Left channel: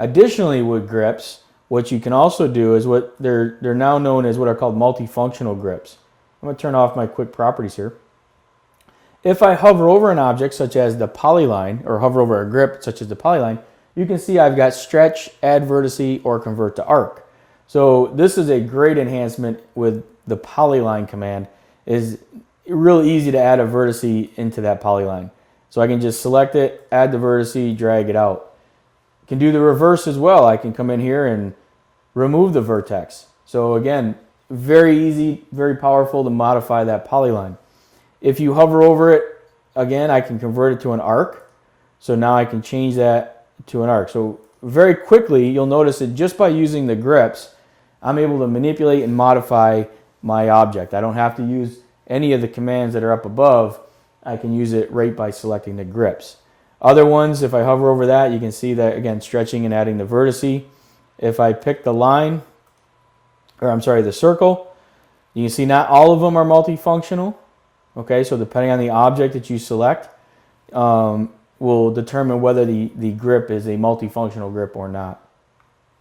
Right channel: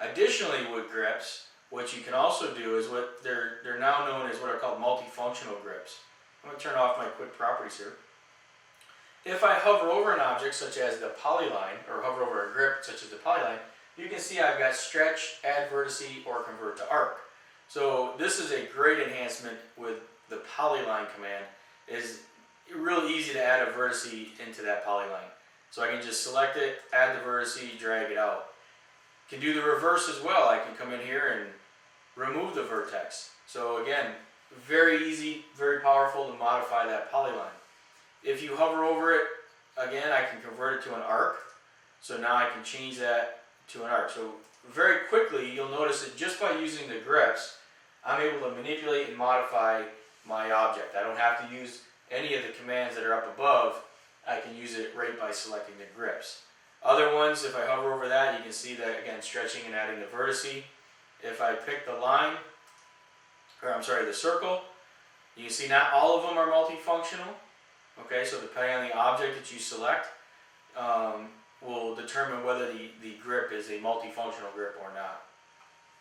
Additionally, with grips, what you can also do is what they're now known as what are called multifunctional grips. I'm going to turn off my quick properties here. If I hover over an object such as the polyline, or hover over a grip such as the polyline, you can see I've got stretch, add vertice, or convert to arc. So this is a great enhancement with the polyline command. Is really easy to add a vertice into that polyline. So I can just select it, add the vertice, drag it out. I can do the reverse as well. I can come in here and remove the vertex. So again, very easy, very powerful to modify that polyline. If you hover over it, again, I can convert it to an arc. So now I can change that to an arc. So very quickly, you'll notice that just by using the grips, I'm able to manipulate and modify my object. I don't have to use any of the commands that are up above. I can use it right by selecting the grips. Other ones, if I hover over that, you can see that, again, stretching and adding the vertice. If I pick the line, or I'm sorry, the circle, you can see not all of them are multifunctional. Okay, so depending on the object that you select, will determine whether the grip is a multifunctional grip or not.